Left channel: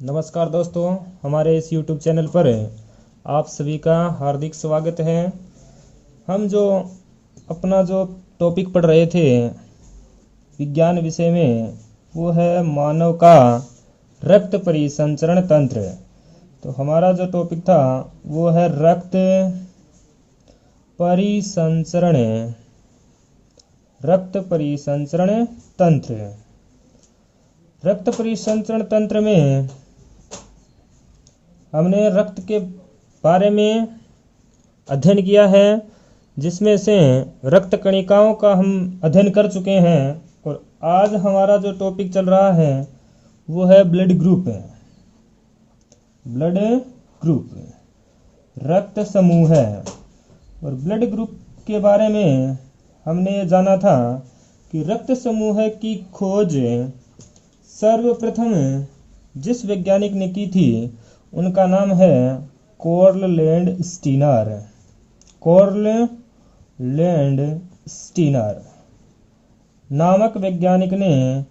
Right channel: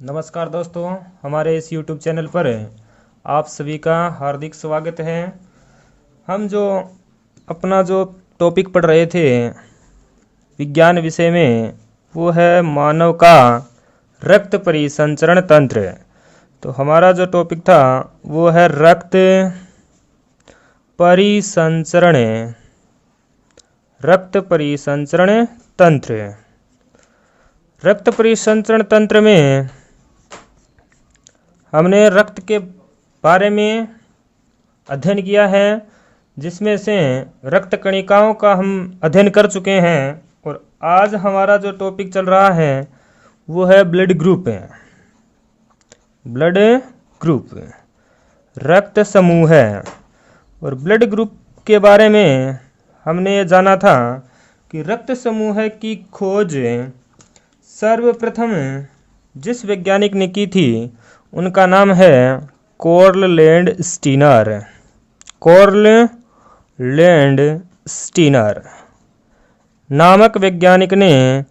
नमस्कार दोस्तों, हमारे इस YouTube चैनल पर आप सभी का हार्दिक स्वागत है। हम अपना जो टॉपिक पढ़ रहे थे विज्ञान विषय में, वो है मानव का रक्त परिसंचरण तंत्र। तो हमारा जो टॉपिक था वो है रक्त परिसंचरण तंत्र। रक्त परिसंचरण तंत्र में हमने रक्त के बारे में अध्ययन किया है, जिसमें से रक्त कणिकाओं का हम अध्ययन कर चुके हैं। और आज हमारा जो टॉपिक चल रहा है वो है ब्लड ग्रुप, रक्त समूह है। और ब्लड ग्रुप के बारे में हमने ये जाना था कि रक्त समूह की खोज सर्वप्रथम जिस वैज्ञानिक ने की थी उनका नाम है कार्ल लैंडस्टीनर नामक वैज्ञानिक ने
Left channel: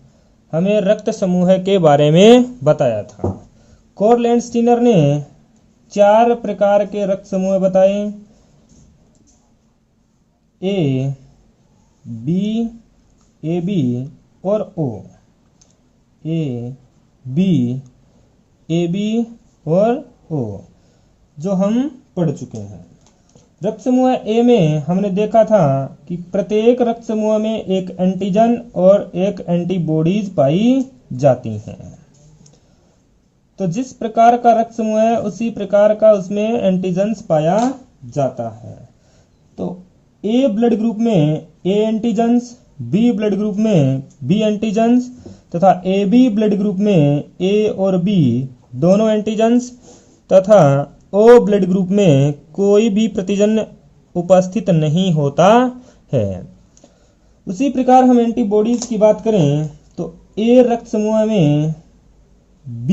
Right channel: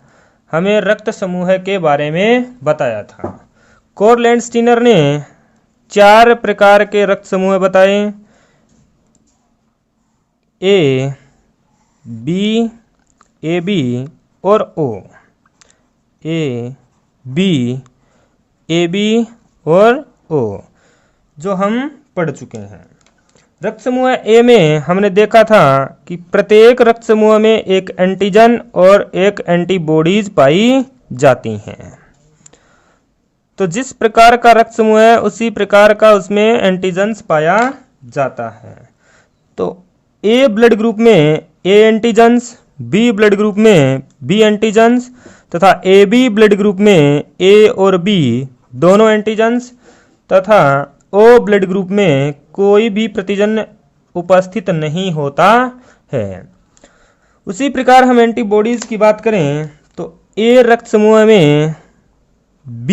हमें रक्त समूह के बारे में बताया था। कार्ल लैंडस्टीनर ने 4 प्रकार के रक्त समूह बताए: ए, बी, AB और O। A, B, AB और O जो हम पढ़ चुके हैं। रक्त समूह ए में हमने देखा था कि प्रत्येक रक्त समूह में एक एंटीजन और एक एंटीबॉडीज पाई जाती हैं। तो जिस प्रकार का रक्त समूह है उसी प्रकार का उसमें एंटीजन्स पाया जाता है। तो ए ब्लड ग्रुप में ए एंटीजन्स, बी ब्लड ग्रुप में बी एंटीजन्स तथा AB ब्लड ग्रुप में A और B दोनों एंटीजन्स तथा O ब्लड ग्रुप में कोई भी प्रतिजन उपस्थित नहीं होता है। उसी प्रकार हम एंटीबॉडीज की बात करें तो A रक्त समूह में B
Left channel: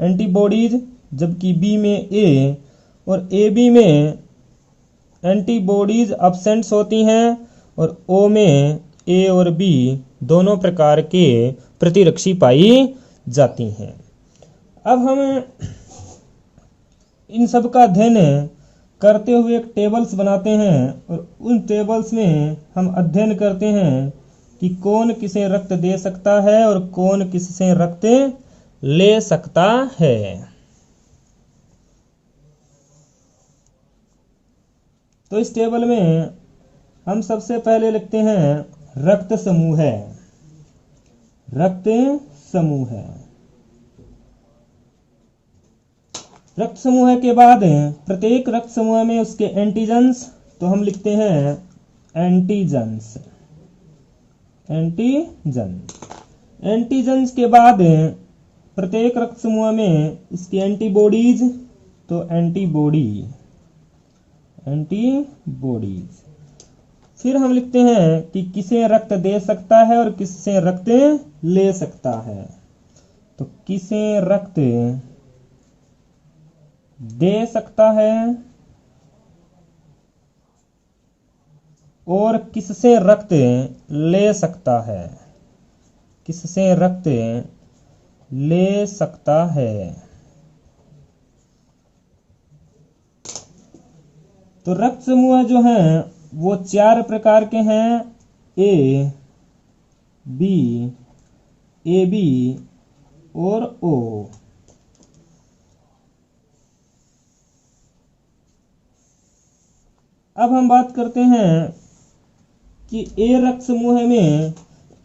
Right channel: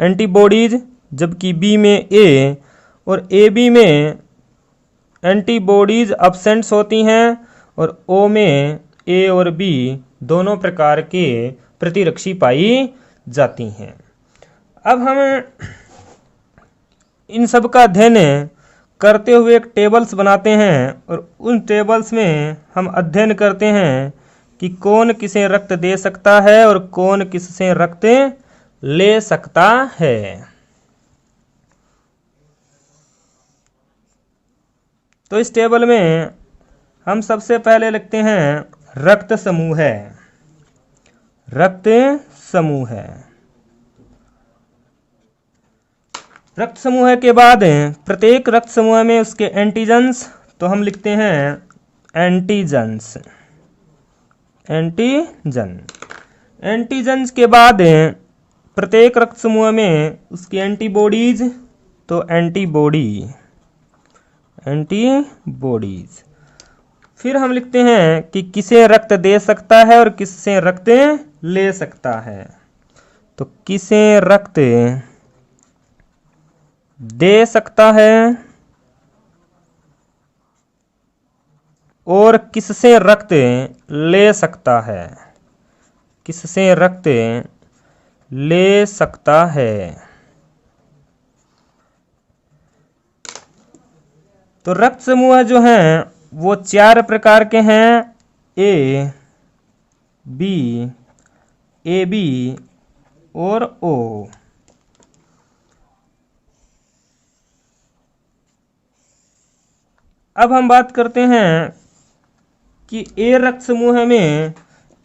एंटीबॉडीज, जबकि B में A और AB में एंटीबॉडीज अब्सेंट्स होती हैं और O में A और B दोनों प्रकार के प्रतिरक्षी पाई जाती हैं। अब हम इन सब का अध्ययन करते हुए एक टेबल्स बनाते हैं और उन टेबल्स में हम अध्ययन करते हैं कि कौन किसे रक्त दे सकता है और कौन किससे रक्त ले सकता है। तो इस टेबल में हम सबसे पहले लिखते हैं रक्त समूह के बाद प्रत्येक रक्त समूह में उसके एंटीजन्स, तो हम लिखते हैं एंटीजन्स के बाद प्रत्येक रक्त समूह में उसकी एंटीबॉडीज, तो एंटीबॉडीज। फिर हम लिखते हैं कि किसे रक्त दे सकता है और किससे रक्त ले सकता है। तो किसे रक्त दे सकता है और किससे रक्त ले सकता है, तो रक्त समूह जो हैं वो 4 प्रकार के हैं: A, B, AB और O। अब हम बात करते हैं कि A रक्त समूह में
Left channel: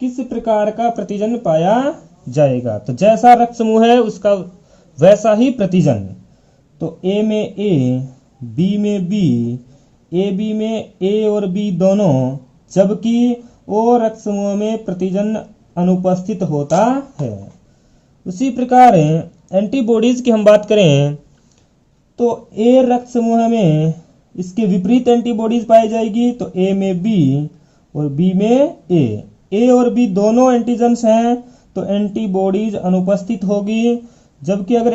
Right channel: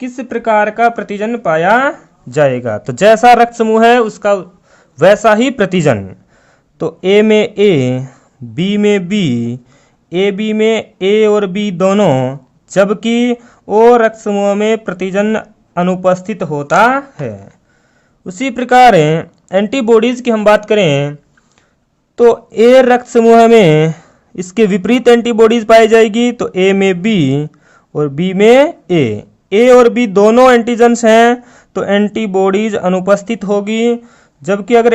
किस प्रकार का प्रतिजन पाया जाएगा। तो जैसा रक्त समूह है उसका वैसा ही प्रतिजन। तो A में A, B में B, AB में A और B दोनों, जबकि O रक्त समूह में प्रतिजन अनुपस्थित होता है। उसी प्रकार एंटीबॉडीज की हम बात करें तो A रक्त समूह में इसके विपरीत एंटीबॉडीज पाई जाएगी। तो A में B और B में A और B दोनों एंटीजन्स हैं तो एंटीबॉडीज अनुपस्थित होगी। जबकि अगर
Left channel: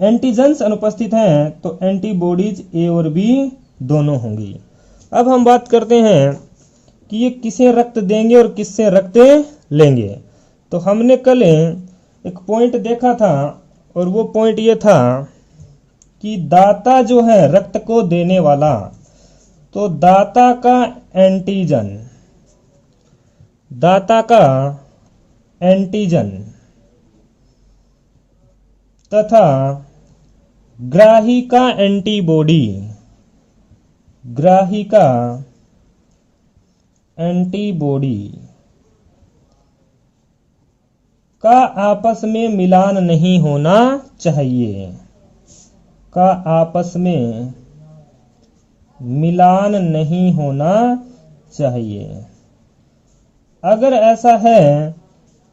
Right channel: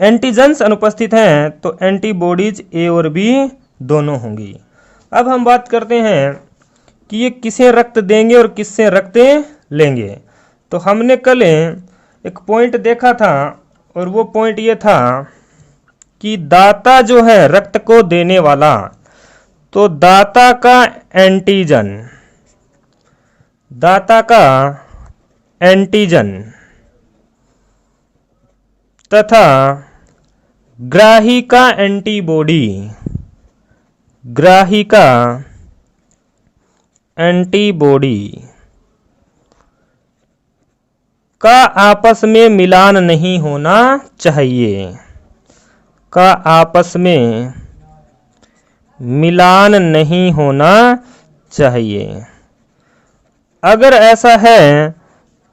एंटीजन्स अनुपस्थित हैं तो एंटीबॉडीज A और B दोनों होंगी। अब हम बात करते हैं कि ये किसे रक्त देंगे और किससे रक्त लेंगे। तो हमने कल एक पॉइंट देखा था, और वो पॉइंट ये था कि दाता जो है रक्त को देने वाला, तो दाता का एंटीजन तथा ग्राही का एंटीबॉडी का आपस में मिलान नहीं होना चाहिए, अगर ऐसा है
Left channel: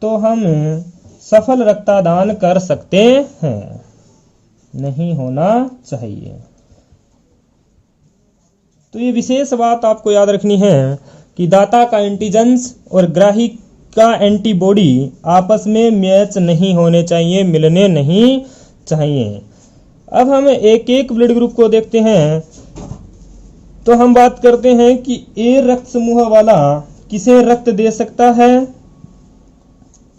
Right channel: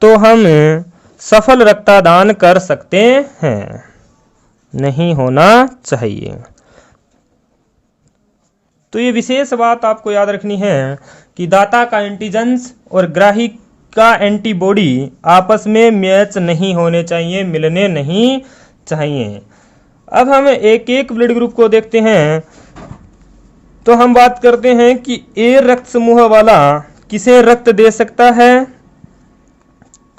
तो हम सफल रक्तदान कर सकते हैं। नहीं होना चाहिए। तो ये विशेष बात आपको याद रखनी है कि दाता का एंटीजेंस और ग्राही का एंटीबॉडी आपस में मैच नहीं होने चाहिए, मिलने नहीं चाहिए। अब हम एक एक ब्लड ग्रुप को देखते हैं। तो हम बात करते हैं कि ए रक्त समूह वाला किसे रक्त दे सकता है।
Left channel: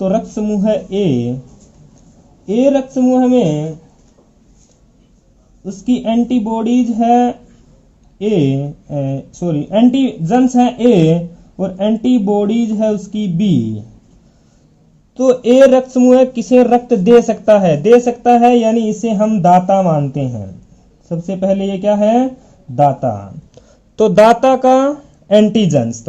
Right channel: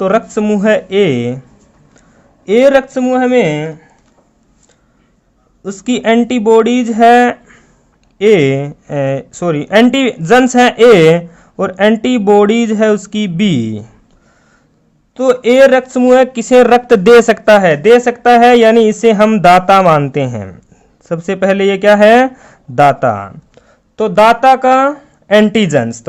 तो रक्त समूह ए रक्त समूह में उसकी एंटीबॉडीज है एंटीजेंस है ए और एंटीबॉडीज है उसकी बी। तो ए रक्त समूह किसे रक्त दे सकता है, यानी इसे हम दाता मानते हैं। सबसे पहले ये क्या है, दाता। तो दाता का एंटीजेंस,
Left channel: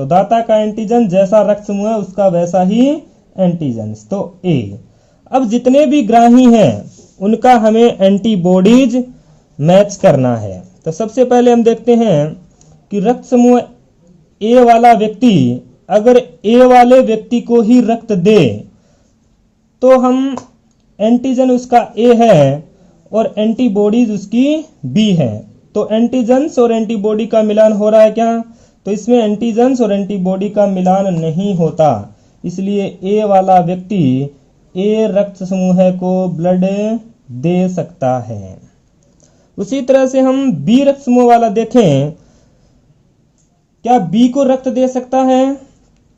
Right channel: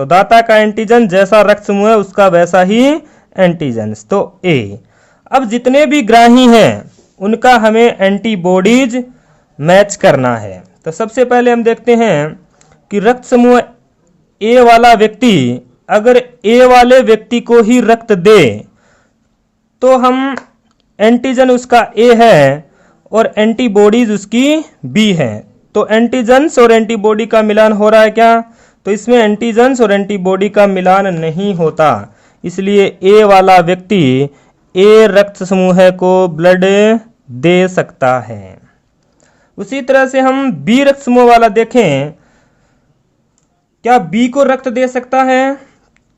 जैसा रक्त समूह है उसका वैसा ही एंटीजेंस, तो ए। अब जितने भी ग्राही हैं उनका हमें एंटीबॉडीज मैच करना है। तो सबसे पहले हम देखते हैं कि रक्त समूह ए वाला व्यक्ति अगर ए वाले व्यक्ति को ही रक्त दे तो हम एंटीजन उसका ए है और एंटीबॉडीज उसकी बी है। तो एंटीजेंस और एंटीबॉडी का मिलान हो रहा है क्या, तो इसमें एंटीजेंस और एंटीबॉडी का मिलान नहीं होता, इसलिए ए वाला व्यक्ति ए रक्त समूह को ब्लड दे सकता है। उसी तरह से हम बी रक्त समूह वाला देखें, क्या बी को रक्त दे सकता है।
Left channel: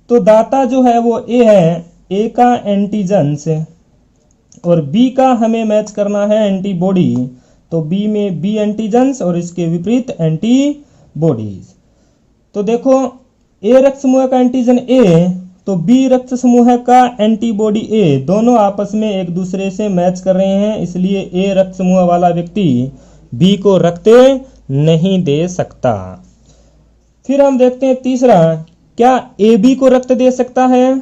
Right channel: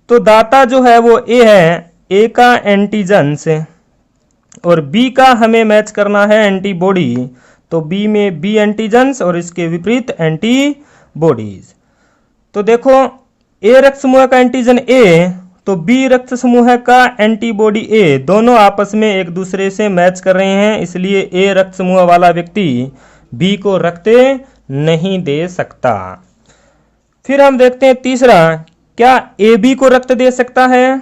तो दाता जो है वो ए है, ए का एंटीजेंस और बी का हमें मैच करना है एंटीबॉडी। तो बी में बी एंटीजेंस और इसके विपरीत एंटीबॉडीज। तो देखो ए रक्त समूह का एंटीजन ए, तो बी रक्त समूह का एंटीबॉडी ए, दोनों आपस में एक दूसरे से मैच कर रहे हैं, इसलिए ए रक्त समूह वाला व्यक्ति बी को रक्त नहीं दे सकता। फिर हम देखते हैं तीसरा, क्या ए बी को रक्त दे सकता है।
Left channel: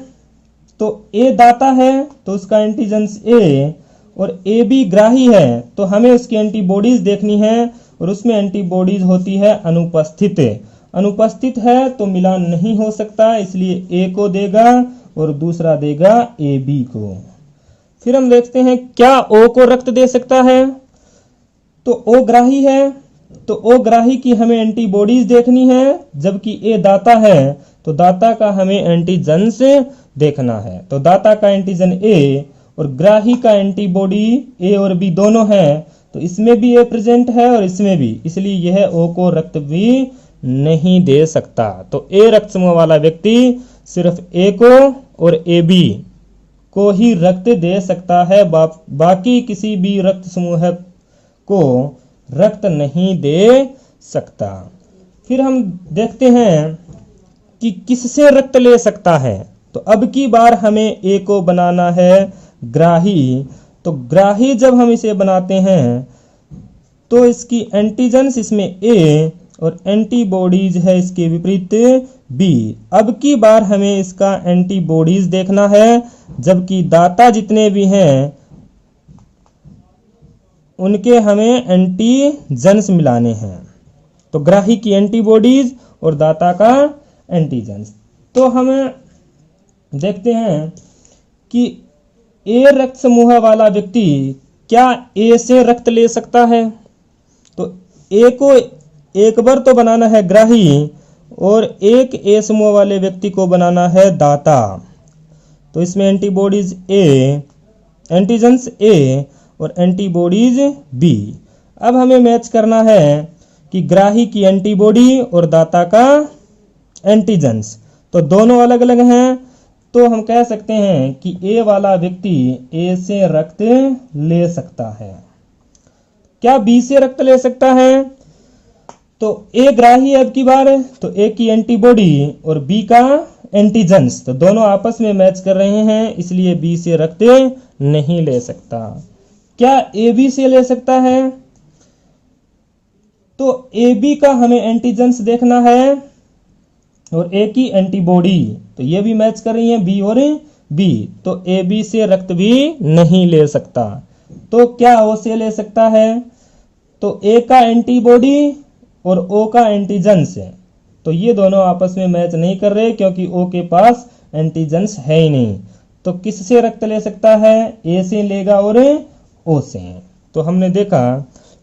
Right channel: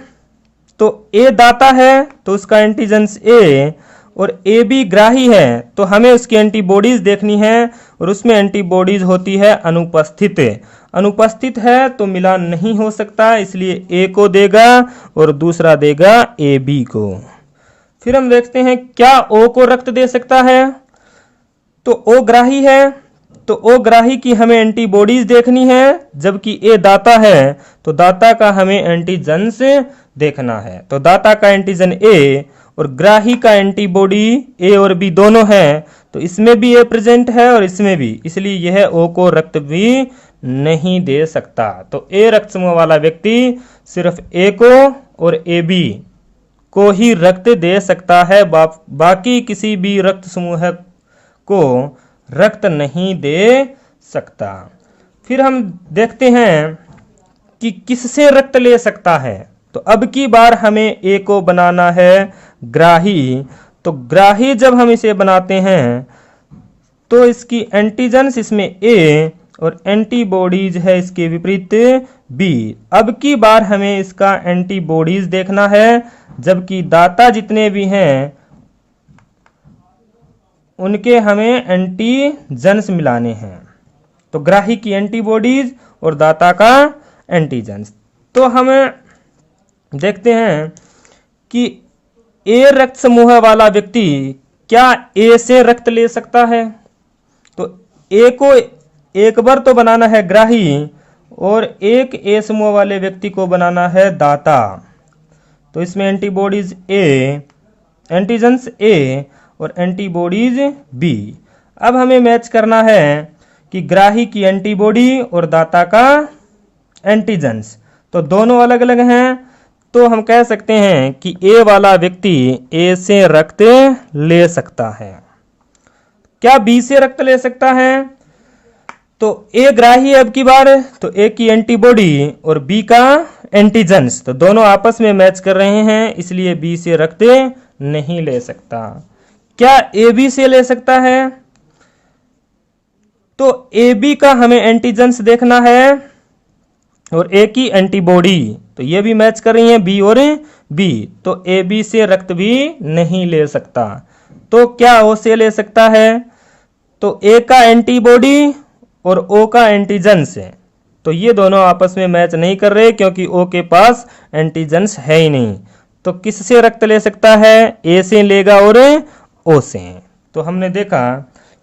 तो ए दाता है तो उसका एंटीजेंस ए और ए बी ग्राही है, तो हमें उसकी एंटीबॉडीज देखनी है और उसमें एंटीबॉडीज होती है अनुपस्थित है तो मिलान नहीं हो सकता, इसलिए ए को देगा और दूसरा देगा ए बी को। फिर हम देखते हैं क्या ओ को रक्त दे सकता है। तो ओ ग्राही है, तो ओ ग्राही की हमें एंटीबॉडीज देखनी है, जबकि ए दाता है तो दाता का हमें एंटीजेंस देखना है। तो दाता का एंटीजन ए और ग्राही का एंटीबॉडी ए और बी दोनों हैं, तो इसमें भी ए प्रेजेंट है और इसमें भी, इसलिए यह ओ को रक्त भी नहीं दे सकता। तो ए रक्त समूह वाला व्यक्ति सिर्फ ए को और ए बी को ही रक्त दे सकता है, बाकी किसी भी रक्त समूह को रक्त नहीं दे सकता। फिर हम देखते हैं कि किससे रक्त ले सकता है। तो अब की बार हमें ए को बनाना है ग्राही। तो ग्राही जब हम इसे बनाते हैं तो इसकी एंटीजेंस इसमें ए और एंटीबॉडीज है इसके विपरीत बी। अब की बार हमें इसका एंटीबॉडीज देखना है, जबकि दाता जितने भी हैं उनके हमें एंटीजेंस मिलाने हैं। तो ग्राही की एंटीबॉडीज और दाता का एंटीजेंस। तो हमें देखते हैं कि ए रक्त समूह वाला व्यक्ति क्या ए से रक्त ले सकता है। तो ए को एक बार तो बनाना है ग्राही और एक ए समूह वाले व्यक्ति को बनाना है दाता। तो इसमें एंटीबॉडीज ए, एंटीजेंस ए और एंटीबॉडीज बी। अब हमें मैच करना है कि ग्राही की एंटीबॉडी और दाता का एंटीजेंस। तो दोनों अलग अलग हैं, तो हम कह सकते हैं कि ए वाला व्यक्ति ए से रक्त ले सकता है। क्या बी से रक्त ले सकता है? तो ए ग्राही है अब की बार, तो ए की एंटीबॉडी और बी का एंटीजेंस तो दोनों आपस में मैच कर रहे हैं, इसलिए बी से रक्त नहीं ले सकता। क्या ए बी से ले सकता है? तो ए बी का हमें एंटीजेंस देखना है और ए की एंटीबॉडी तो ये भी मैच कर रही है बी और बी, तो ए बी से रक्त भी नहीं ले सकता। तो क्या ओ से ले सकता है? तो ए का एंटीबॉडी और ओ का एंटीजेंस है, तो ये दोनों आपस में मैच नहीं कर रहे क्योंकि ओ के पास एंटीजेंस है ही नहीं। तो किससे रक्त ले सकता है? ए से लेगा और ओ से। तो हमने देखा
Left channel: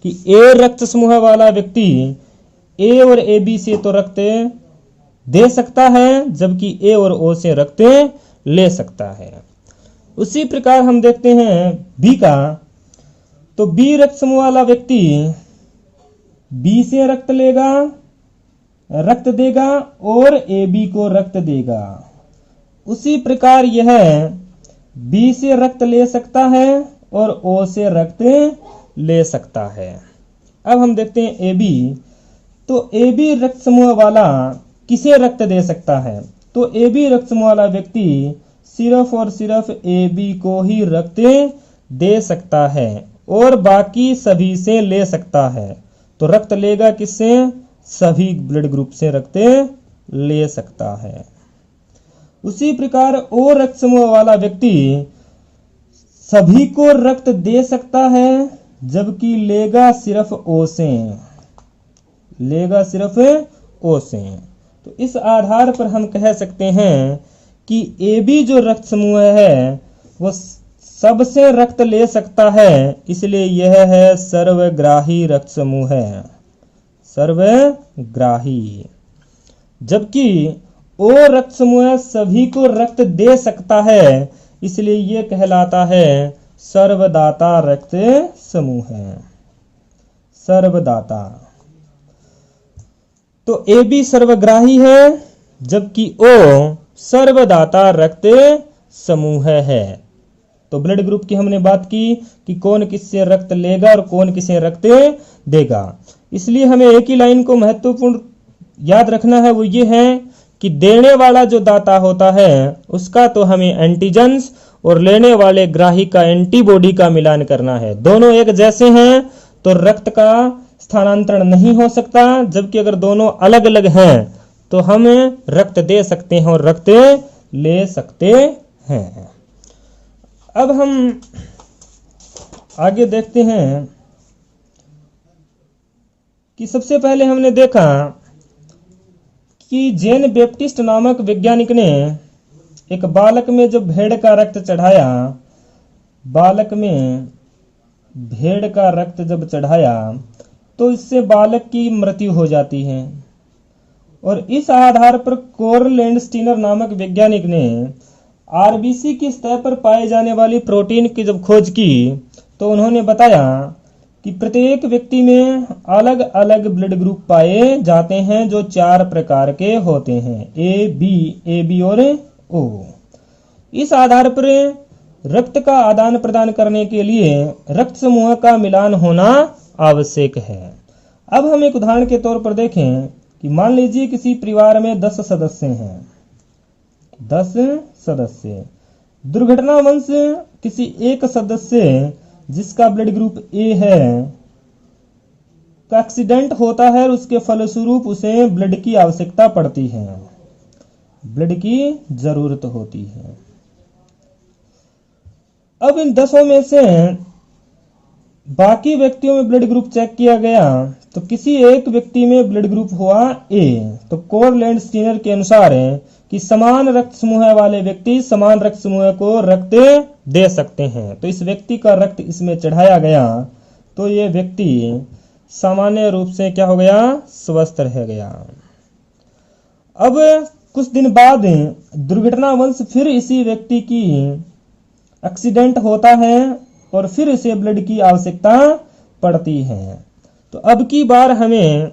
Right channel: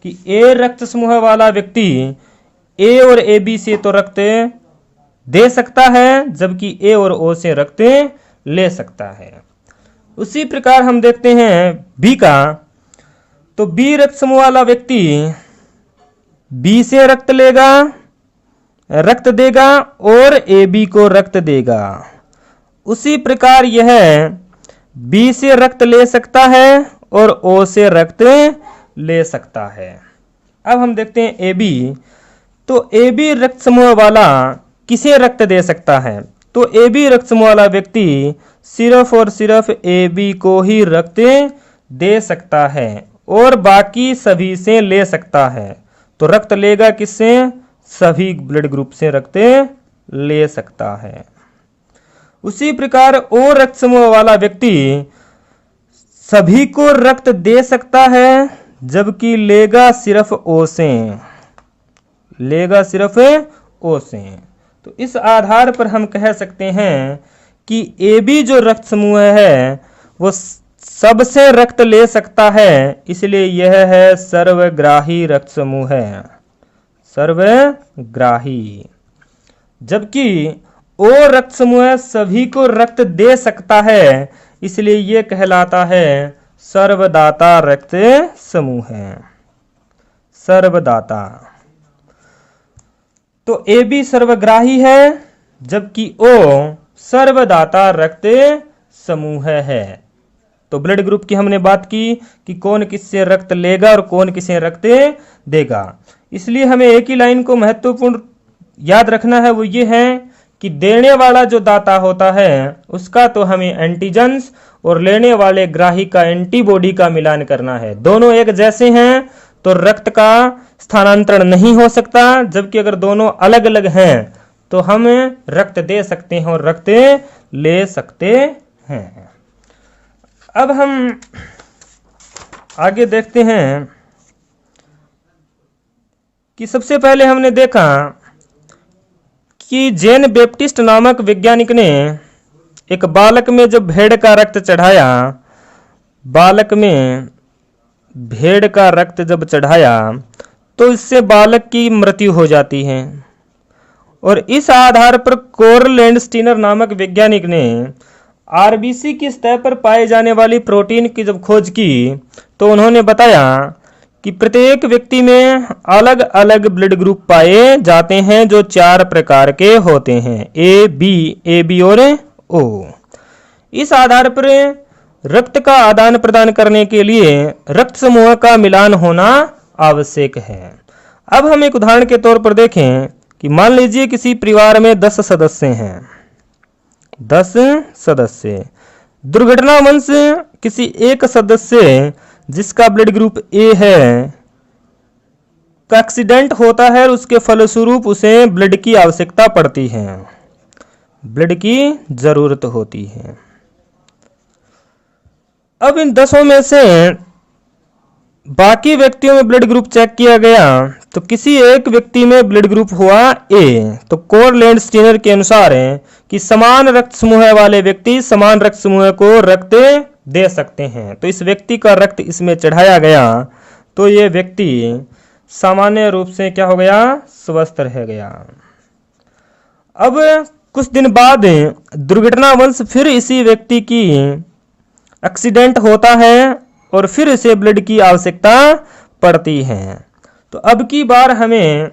कि ए रक्त समूह वाला व्यक्ति ए और ए बी से तो रक्त दे सकता है, जबकि ए और ओ से रक्त ले सकता है। उसी प्रकार हम देखते हैं बी का, तो बी रक्त समूह वाला व्यक्ति बी से रक्त लेगा, रक्त देगा और ए बी को रक्त देगा। उसी प्रकार यह बी से रक्त ले सकता है और ओ से रक्त ले सकता है। अब हम देखते हैं ए बी, तो ए बी रक्त समूह वाला किसे रक्त दे सकता है? तो ए बी रक्त समूह वाला व्यक्ति सिर्फ और सिर्फ ए बी को ही रक्त दे सकता है और बाकी सभी से ले सकता है। तो रक्त लेगा किससे? सभी ब्लड ग्रुप से रक्त ले सकता है। उसी प्रकार ओ रक्त समूह वाला व्यक्ति सभी को रक्त दे सकता है, जबकि लेगा सिर्फ ओ से, लेगा सिर्फ ओ से। तो इस आधार पर हम कह सकते हैं कि ए बी जो रक्त समूह है वो सबसे रक्त ले सकता है, इसलिए यह है सर्वग्राही रक्त समूह है, सर्वग्राही। जबकि ओ रक्त समूह सभी को रक्त दे सकता है, इसलिए यह कहलाता है सर्वदाता रक्त समूह है, सर्वदाता। तो ए बी सर्वग्राही है, जबकि ओ सर्वदाता रक्त समूह है। तो ब्लड ग्रुप की हमने बात की कि कौन किससे रक्त लेगा और कौन किसे रक्त देगा। इसलिए हमें एक ही लाइन को महत्वपूर्ण याद रखना है, वो ये है कि देने वाला जो दाता होता है उसका तो हमें एंटीजेंस और लेने वाले ग्राही का एंटीबॉडी का मिलान करना है। दोनों एक जैसे हैं तो रक्त का स्थानांतरण नहीं हो सकता, जबकि अगर दोनों अलग अलग हैं तो हम रक्त दे सकते हैं और रक्त ले सकते हैं। अब हम आगे देखते हैं कि सबसे पहले हमने देखा कि जेन बैप्टिस्ट नामक वैज्ञानिक ने एक बालक में जब भेड़ का रक्त चढ़ाया, बालक में भेड़ का रक्त जब चढ़ाया तो इससे बालक की मृत्यु हो जाती है। और इस आधार पर कोरल स्टीनर नामक वैज्ञानिक ने आरबीसी की सतह पर पाए जाने वाली प्रोटीन की जब खोज की तो उन्होंने बताया कि प्रत्येक व्यक्ति में अलग अलग ब्लड ग्रुप पाए जाते हैं जो 4 प्रकार के होते हैं, ए बी और ओ। इस आधार पर रक्त का आदान प्रदान करने के लिए रक्त समूह का मिलान होना आवश्यक है। अब हम एक उदाहरण के तौर पर देखें कि मान लीजिए किसी परिवार में 10 सदस्य हैं, 10 सदस्य। दुर्घटनावश किसी एक सदस्य जिसका ब्लड ग्रुप ए है का एक्सीडेंट होता है और उसके फलस्वरूप उसे ब्लड की आवश्यकता पड़ती है, ब्लड की जरूरत होती है। अब इन 10 में से बाकी व्यक्तियों में ब्लड ग्रुप चेक किया गया तो किसी एक व्यक्ति में ब्लड ग्रुप हुआ ए। तो कोरल स्टीनर के अनुसार कि समान रक्त समूह वाले व्यक्ति समान रक्त समूह को रक्त दे सकते हैं। तो इस व्यक्ति का रक्त इसमें चढ़ाया गया तो ये व्यक्ति सामान्य रूप से क्या हो गया? स्वस्थ रह गया। अब कुछ दिन बाद दुर्घटनावश फिर इसी व्यक्ति की एक्सीडेंट होता है और फिर इसे ब्लड की आवश्यकता पड़ती है। तो अब की बार हमें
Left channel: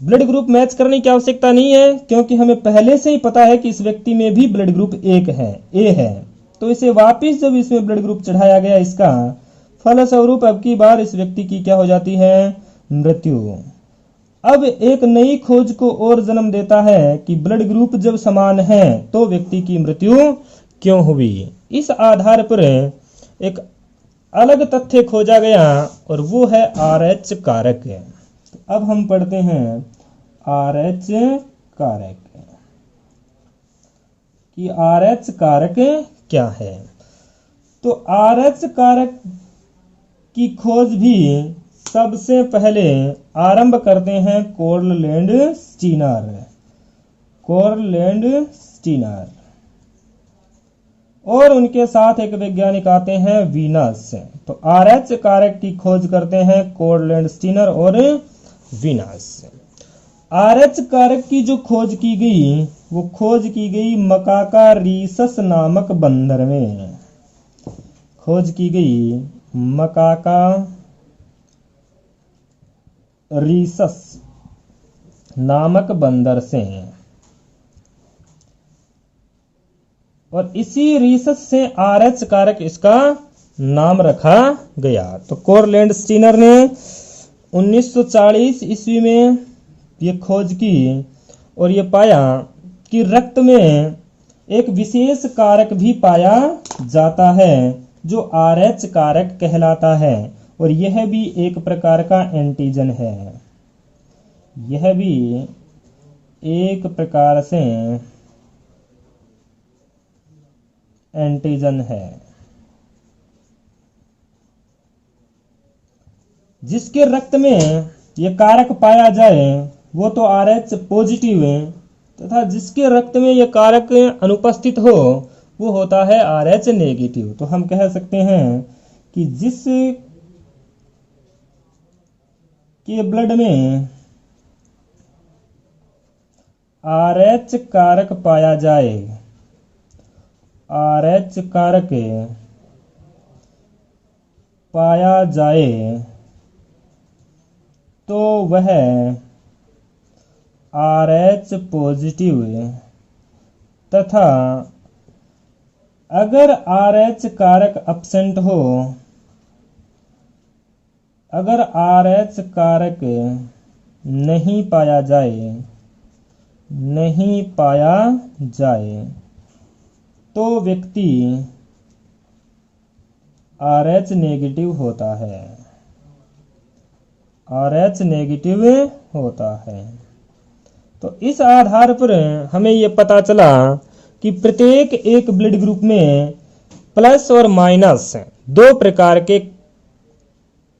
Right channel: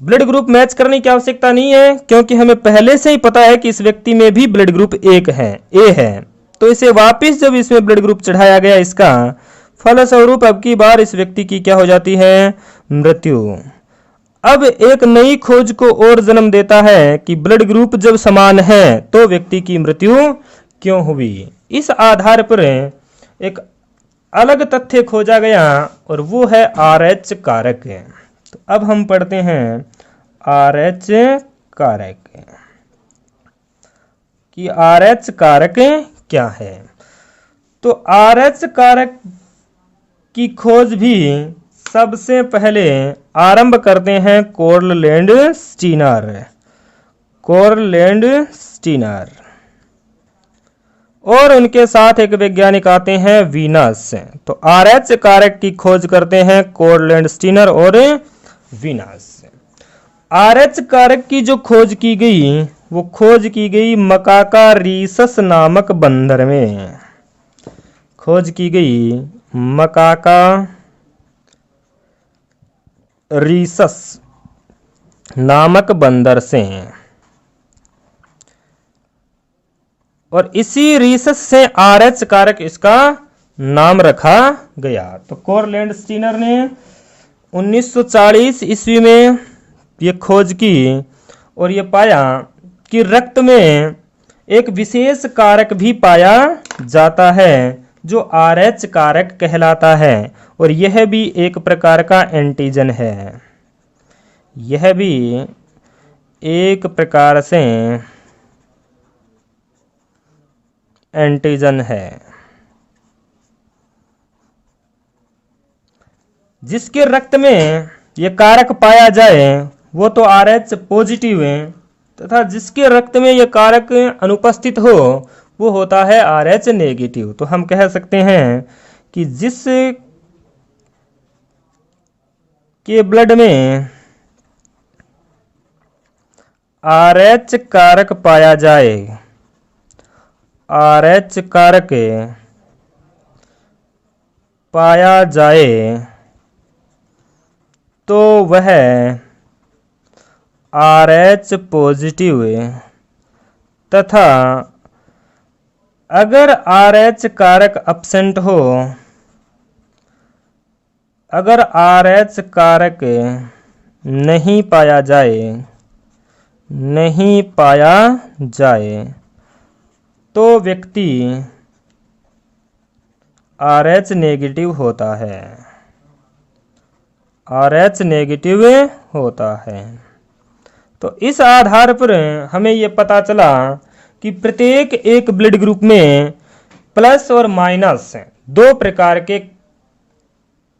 ब्लड ग्रुप मैच करने की आवश्यकता नहीं है, क्योंकि हमें पहले से ही पता है कि इस व्यक्ति में भी ब्लड ग्रुप एक है, ए है। तो इसे वापस जब इसमें ब्लड ग्रुप चढ़ाया गया इसका, फलस्वरूप अब की बार इस व्यक्ति की क्या हो जाती है, मृत्यु। अब एक नई खोज को और जन्म देता है कि ब्लड ग्रुप जब समान है तो व्यक्ति की मृत्यु क्यों हुई। इस आधार पर एक अलग तथ्य खोजा गया और वो है RH कारक। तो अब हम पढ़ते हैं RH कारक कि RH कारक क्या है। तो RH कारक की खोज भी सबसे पहले आरंभ करते हैं कोरलैंड स्टीनर और उनके साथ एक वैज्ञानिक आते हैं वीनस। तो RH कारक की खोज करते हैं कोरलैंड स्टीनर और वीनस। RH कारक की जो खोज की गई वो खोज की गई मकाका रीसस नामक बंदर में। खोज की गई मकाका रीसस नामक बंदर से, और इसी रीसस से RH कारक इसका नाम रखा गया। तो कोरलैंड स्टीनर ने 1940 ईस्वी में ये खोज की और ये पाया कि रक्त में एक विशेष कारक भी पाया जाता है जो RH कारक कहलाता है, और यह भी एक प्रकार का एंटीजन है। यह भी एक प्रकार से एंटीजन है। जिसके रक्त में यह कारक पाया जाए वो तो RH पॉजिटिव है, तथा जिसके रक्त में यह कारक अनुपस्थित हो वो होता है RH नेगेटिव। तो हम कह सकते हैं कि जिस के ब्लड में RH कारक पाया जाए, RH कारक पाया जाए तो वह RH पॉजिटिव, तथा अगर RH कारक एब्सेंट हो, अगर RH कारक नहीं पाया जाए तो व्यक्ति RH नेगेटिव होता है। RH नेगेटिव होता है। तो इस आधार पर हमें यह पता चला कि प्रत्येक एक ब्लड ग्रुप में प्लस और माइनस दो प्रकार के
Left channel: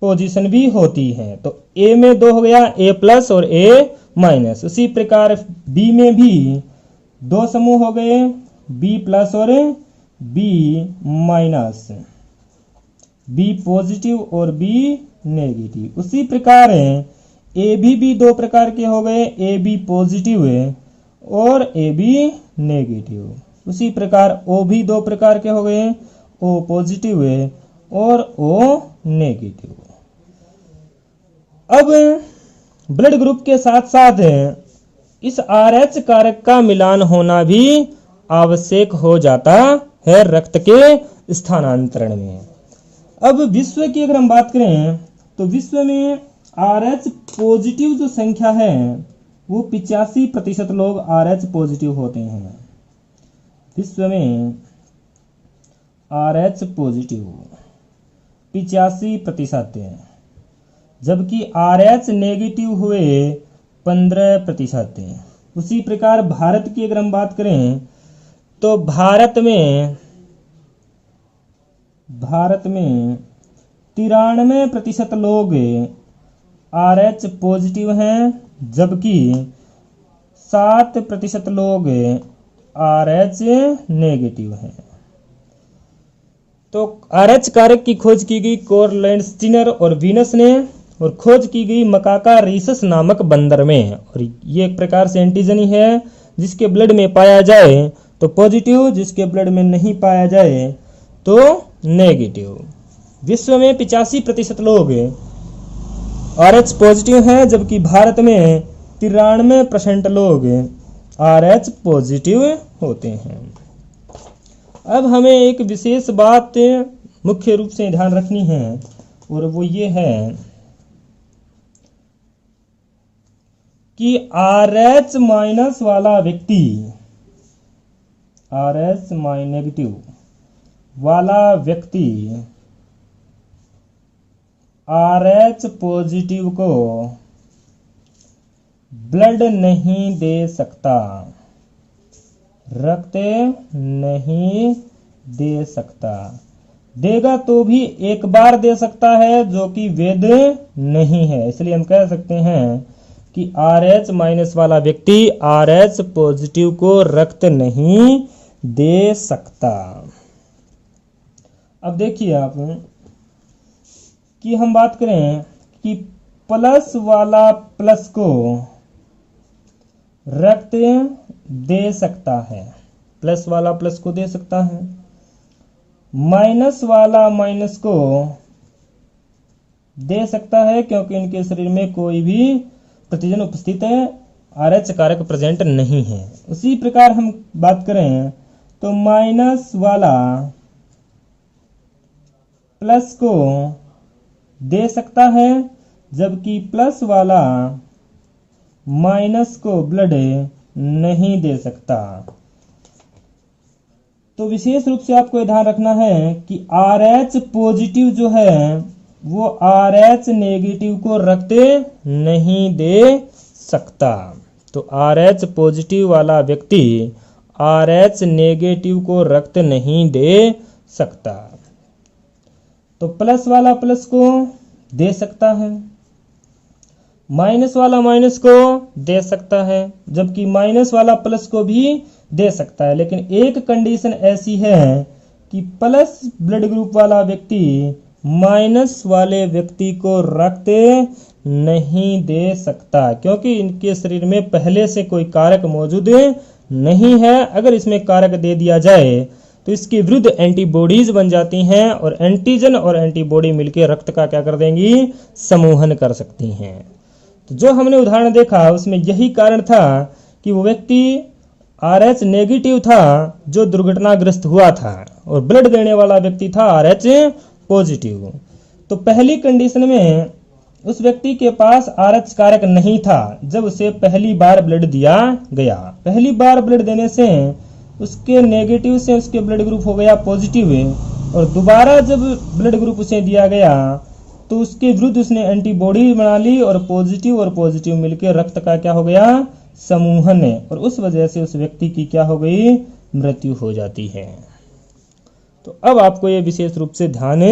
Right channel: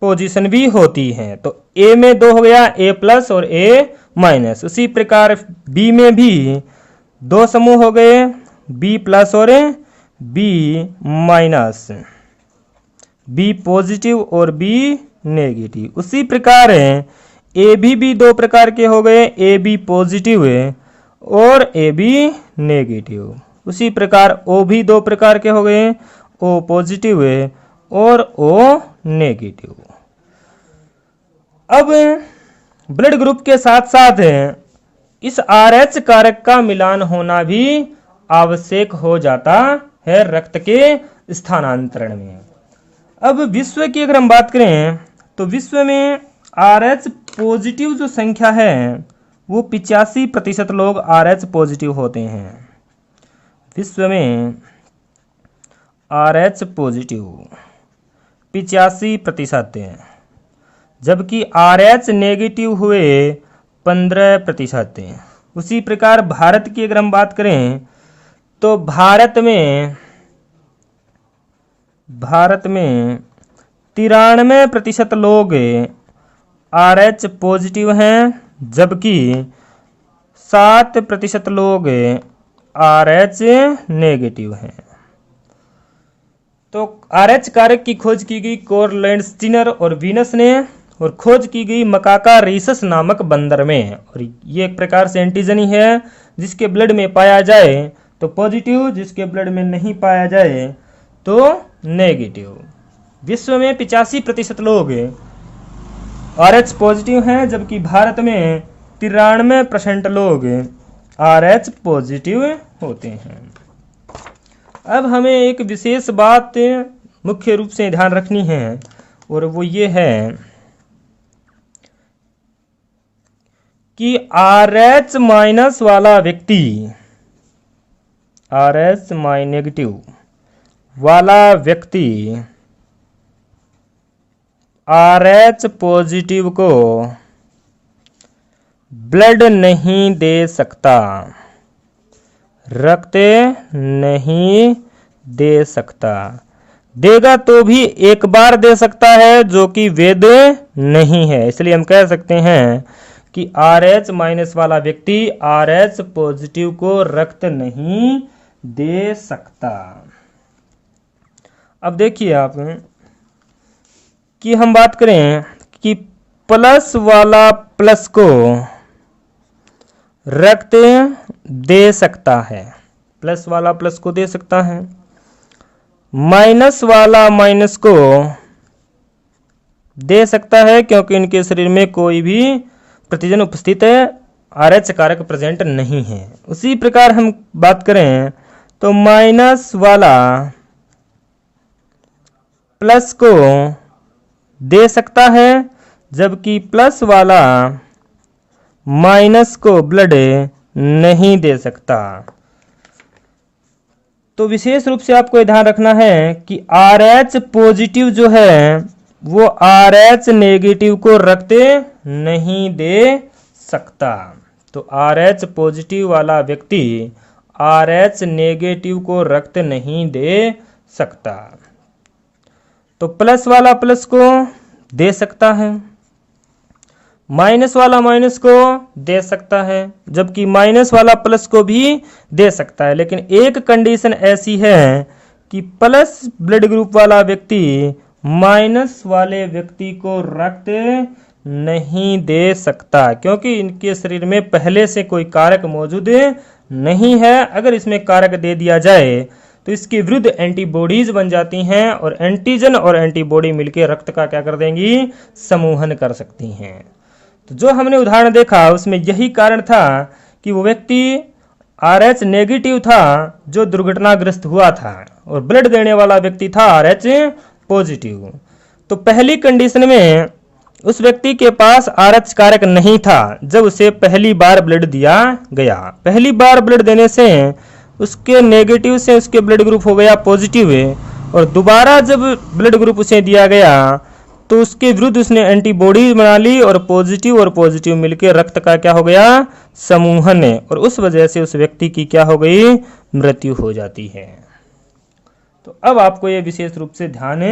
पोजीशन भी होती हैं। तो A में दो हो गया, A प्लस और A माइनस। उसी प्रकार B में भी दो समूह हो गए, B प्लस और B माइनस, B पॉजिटिव और B नेगेटिव। उसी प्रकार AB भी दो प्रकार के हो गए, AB पॉजिटिव और AB नेगेटिव। उसी प्रकार O भी दो प्रकार के हो गए, O पॉजिटिव और O नेगेटिव। अब ब्लड ग्रुप के साथ साथ इस RH कारक का मिलान होना भी आवश्यक हो जाता है रक्त के स्थानांतरण में। अब विश्व की अगर हम बात करें तो विश्व में RH पॉजिटिव जो संख्या है वो 85% लोग RH पॉजिटिव होते हैं। विश्व में RH पॉजिटिव 85%, जबकि RH नेगेटिव हुए 15%। उसी प्रकार भारत की अगर हम बात करें तो भारत में 93% लोग RH पॉजिटिव हैं, जबकि 7% लोग RH नेगेटिव हैं। तो RH कारक की खोज की गई कोरलैंड स्टीनर और वीनस ने, और खोज की गई मकाका रीसस नामक बंदर में। और ये एक प्रकार से एंटीजन ही है, जिसके ब्लड में पाया जाए तो पॉजिटिव, जिसके ब्लड में नहीं पाया जाए तो नेगेटिव। विश्व में 85% लोग RH पॉजिटिव हैं, जबकि भारत में 93% लोग RH पॉजिटिव होते हैं। अब हमें एक विशेष बात मुख्य रूप से ध्यान रखनी है और वो ये है कि RH माइनस वाला व्यक्ति, RH नेगेटिव वाला व्यक्ति RH पॉजिटिव को ब्लड नहीं दे सकता, रक्त नहीं दे सकता। देगा तो भी एक बार दे सकता है, जो कि वैध नहीं है। इसलिए हम कह सकते हैं कि RH माइनस वाला व्यक्ति RH पॉजिटिव को रक्त नहीं दे सकता। अब देखिए आप कि हम बात करें कि प्लस वाला प्लस को रक्त दे सकता है, प्लस वाला प्लस को दे सकता है, माइनस वाला माइनस को दे सकता है, क्योंकि इनके शरीर में कोई भी प्रतिजन उपस्थित है, RH कारक प्रेजेंट नहीं है। उसी प्रकार हम बात करें तो माइनस वाला प्लस को दे सकता है, जबकि प्लस वाला माइनस को ब्लड नहीं दे सकता। तो विशेष रूप से आपको ध्यान रखना है कि RH पॉजिटिव जो है वो RH नेगेटिव को रक्त नहीं दे सकता। तो RH पॉजिटिव वाला व्यक्ति RH नेगेटिव को रक्त नहीं दे सकता। तो प्लस वाला प्लस को दे सकता है, माइनस वाला माइनस को दे सकता है, जबकि माइनस वाला प्लस को भी दे सकता है। लेकिन एक कंडीशन ऐसी है कि प्लस ब्लड ग्रुप वाला व्यक्ति माइनस वाले व्यक्ति को रक्त नहीं दे सकता, क्योंकि इनके शरीर में पहले से कोई कारक मौजूद नहीं है। अगर इसमें कारक दे दिया जाए तो इसके विरुद्ध एंटीबॉडीज बन जाती हैं और एंटीजन और एंटीबॉडी मिलकर रक्त का क्या कर देंगी, समूहन कर सकती हैं। तो जो हमने उदाहरण देखा उसमें यही कारण था कि वो व्यक्ति RH नेगेटिव था जो दुर्घटनाग्रस्त हुआ था और ब्लड देने वाला व्यक्ति था RH पॉजिटिव। तो पहली कंडीशन में उस व्यक्ति के पास RH कारक नहीं था जब उसे पहली बार ब्लड दिया गया। पहली बार ब्लड देने से उसके नेगेटिव से उसके ब्लड ग्रुप हो गया पॉजिटिव, और दोबारा जब ब्लड ग्रुप उसे दिया गया तो उसके विरुद्ध उसने एंटीबॉडी बना ली और पॉजिटिव मिलकर रक्त का क्या हो गया, समूहन, और उस वजह से उस व्यक्ति की क्या हो गई, मृत्यु हो जाती है। तो अब आपको यह विशेष रूप से ध्यान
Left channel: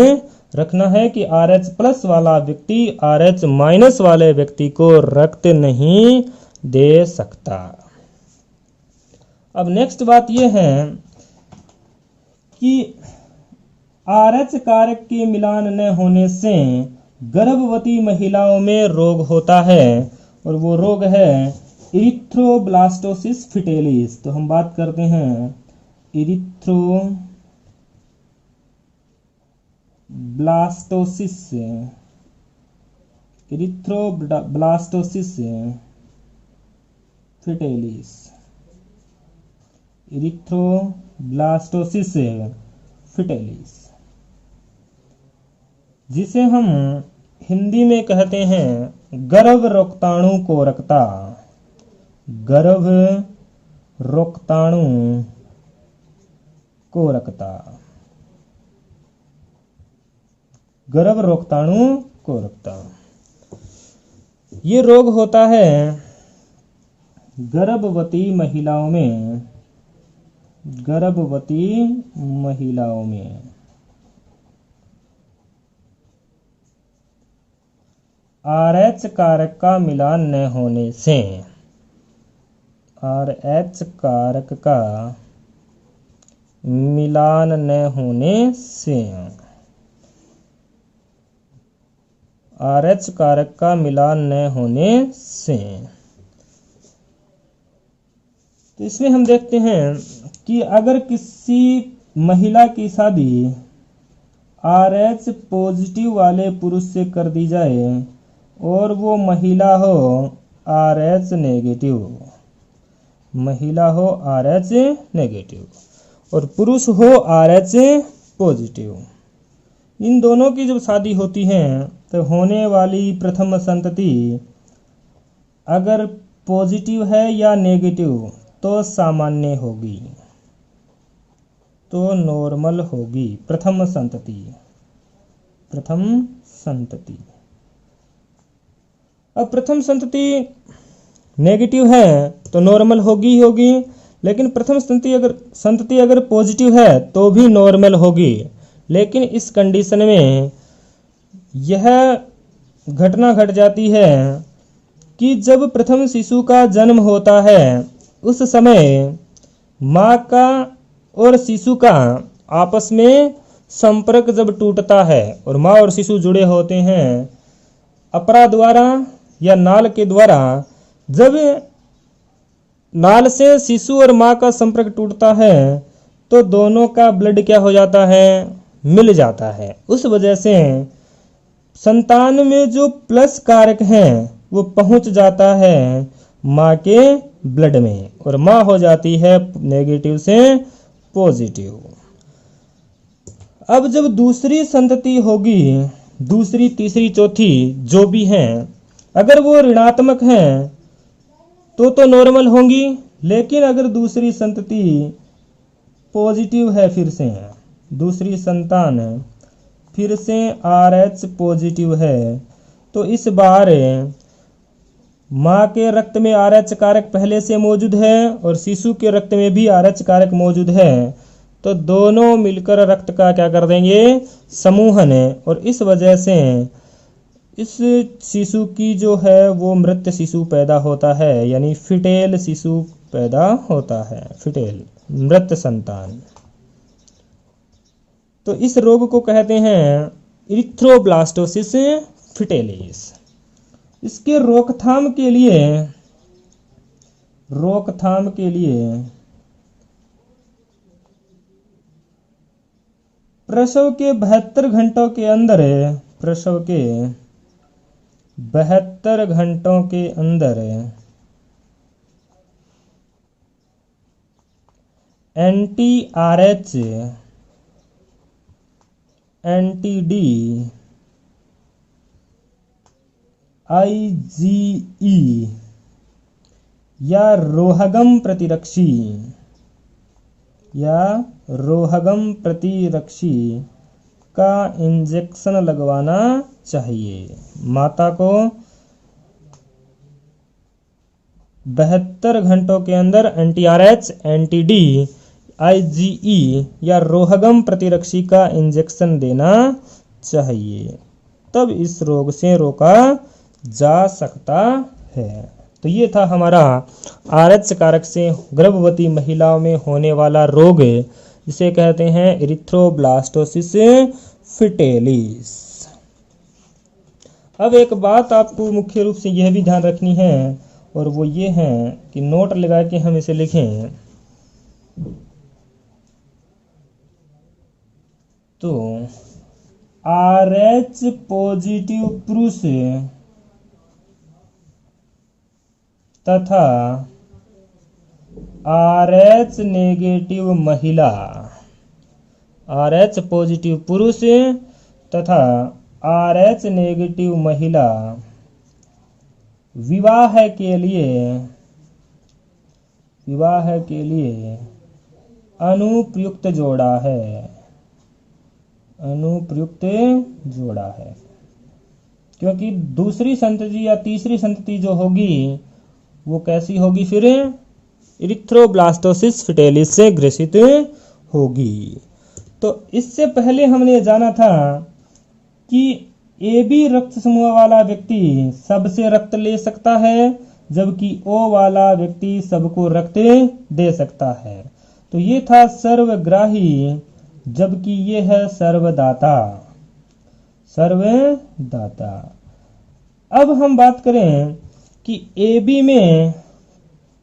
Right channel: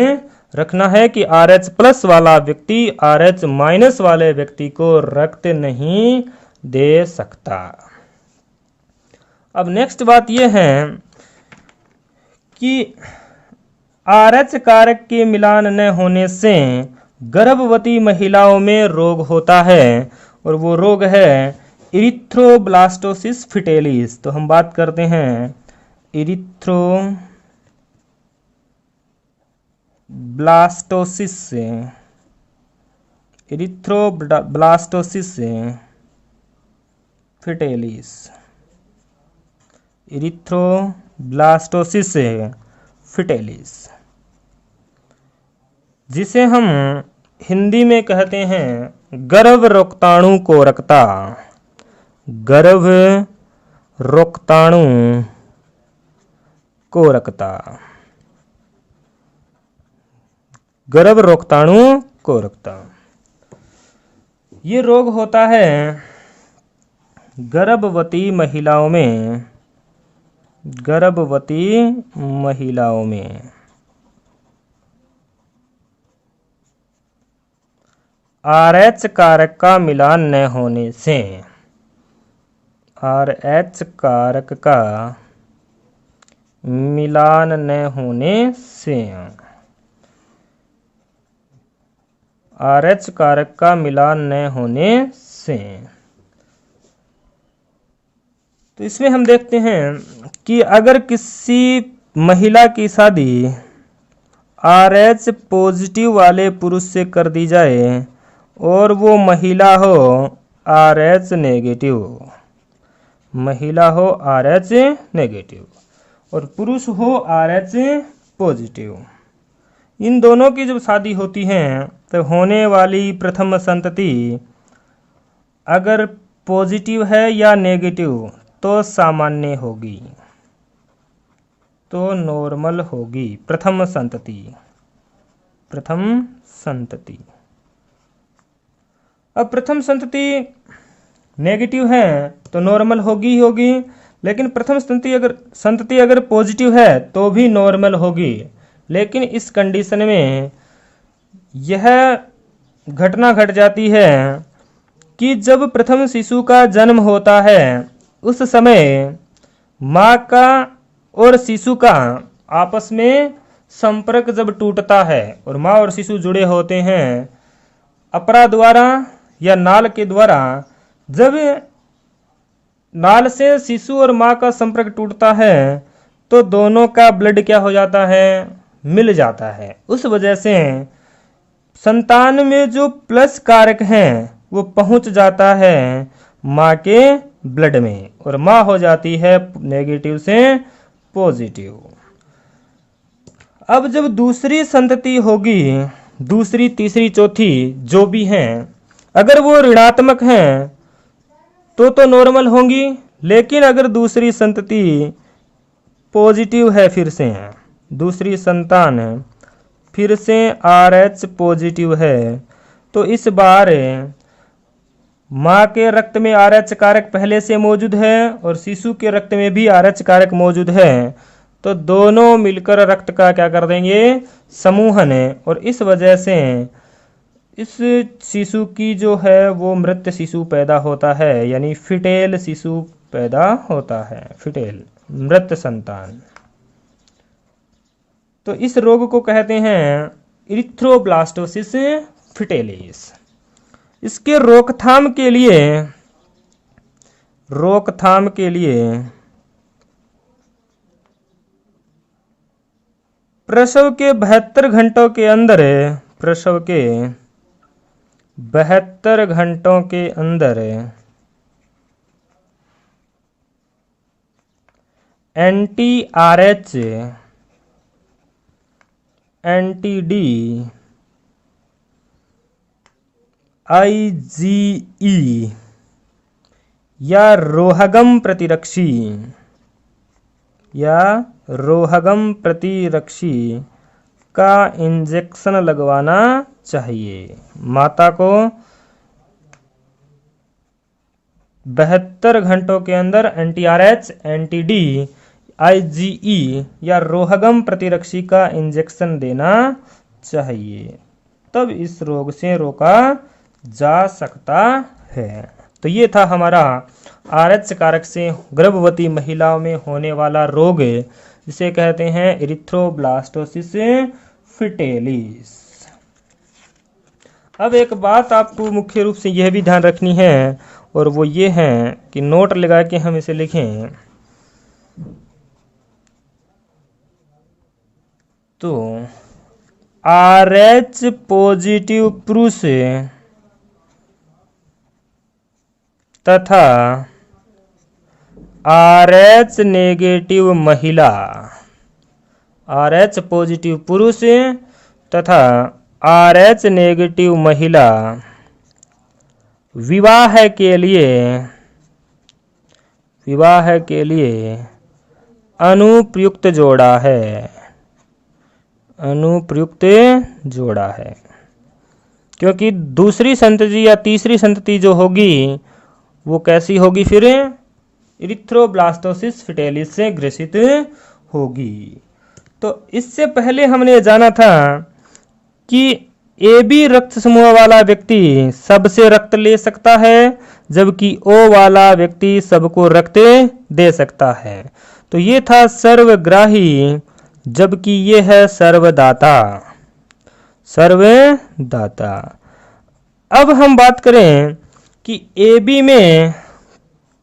रखना है कि RH प्लस वाला व्यक्ति RH माइनस वाले व्यक्ति को रक्त नहीं दे सकता। अब नेक्स्ट बात यह है कि RH कारक के मिलान न होने से गर्भवती महिलाओं में रोग होता है और वो रोग है इरिथ्रोब्लास्टोसिस फिटेलिस। तो हम बात करते हैं इरिथ्रोब्लास्टोसिस फिटेलिस, इरिथ्रोब्लास्टोसिस फिटेलिस, जिसे हम हिंदी में कहते हैं गर्भ रोक्ताणु कोरकता। गर्भ रोक्ताणु कोरकता, गर्भ रोक्ताणु कोरकता। ये रोग होता है गर्भवती महिलाओं में, गर्भवती महिलाओं में RH कारक का मिलान न होने से, RH कारक का मिलान न होने से, RH कारक का मिलान न होने से। तो इसमें हम देखते हैं कि अगर किसी महिला की शादी RH पॉजिटिव वाले पुरुष से कर दी जाए और वो महिला हो RH नेगेटिव, महिला हो RH नेगेटिव और पुरुष हो RH पॉजिटिव। इन दोनों की जब शादी होती है तो होने वाली प्रथम संतति अगर पॉजिटिव है या नेगेटिव तो सामान्य होगी, तो नॉर्मल होगी। प्रथम संतति अब प्रथम संतति नेगेटिव है तो नॉर्मल होगी, लेकिन प्रथम संतति अगर पॉजिटिव है तो भी नॉर्मल होगी। लेकिन इस कंडीशन में यह घटना घट जाती है कि जब प्रथम शिशु का जन्म होता है उस समय माँ का और शिशु का आपस में संपर्क जब टूटता है और माँ और शिशु जुड़े होते हैं अपरा द्वारा या नाल के द्वारा, जब नाल से शिशु और माँ का संपर्क टूटता है तो दोनों का ब्लड क्या हो जाता है, मिल जाता है। उस वजह से संतान में जो प्लस कारक है वो पहुंच जाता है माँ के ब्लड में और माँ हो जाती है नेगेटिव से पॉजिटिव। अब जब दूसरी संतति होगी, दूसरी तीसरी चौथी जो भी हैं, अगर वो ऋणात्मक हैं तो नॉर्मल होंगी। लेकिन अगर दूसरी संतति पॉजिटिव है, फिर से दूसरी संतान फिर से RH पॉजिटिव है, तो इस बार माँ के रक्त में RH कारक पहले से मौजूद है और शिशु के रक्त में भी RH कारक मौजूद है, तो दोनों मिलकर रक्त का क्या कर देंगे, समूहन। और इस वजह से इस शिशु की जो है वो मृत शिशु पैदा होता है, यानी फिटेल शिशु पैदा होता है, फिटेल मृत संतान। तो इस रोग को कहते हैं इरिथ्रोब्लास्टोसिस फिटेलिस। इसके रोकथाम के लिए प्रसव के 72 घंटों के अंदर anti-RH anti-D IgE या रोहगम प्रतिरक्षी का इंजेक्शन लगवाना चाहिए। माता को 72 घंटों के अंदर anti-RH anti-D IgE या रोहगम प्रतिरक्षी का इंजेक्शन देना चाहिए, तब इस रोग से रोका जा सकता है। तो ये था हमारा RH कारक से गर्भवती महिलाओं में होने वाला रोग, जिसे कहते हैं इरिथ्रोब्लास्टोसिस फिटेलिस। अब एक बात आपको मुख्य रूप से यह भी ध्यान रखनी है, और वो ये है कि नोट लगा के हम इसे लिखें। तो RH पॉजिटिव पुरुष तथा RH नेगेटिव महिला, RH पॉजिटिव पुरुष तथा RH नेगेटिव महिला विवाह के लिए अनुप्रयुक्त जोड़ा है, क्योंकि दूसरी संतति या तीसरी संतति जो होगी वो कैसी होगी, फिर इरिथ्रोब्लास्टोसिस फिटेलिस से ग्रसित होगी। तो इससे पहले हमने जाना था कि AB रक्त समूह वाला व्यक्ति सबसे रक्त ले सकता है, जबकि O वाला व्यक्ति सबको रक्त दे सकता है। तो ये था सर्वग्राही, जबकि ये है सर्वदाता। अब हम बात करें कि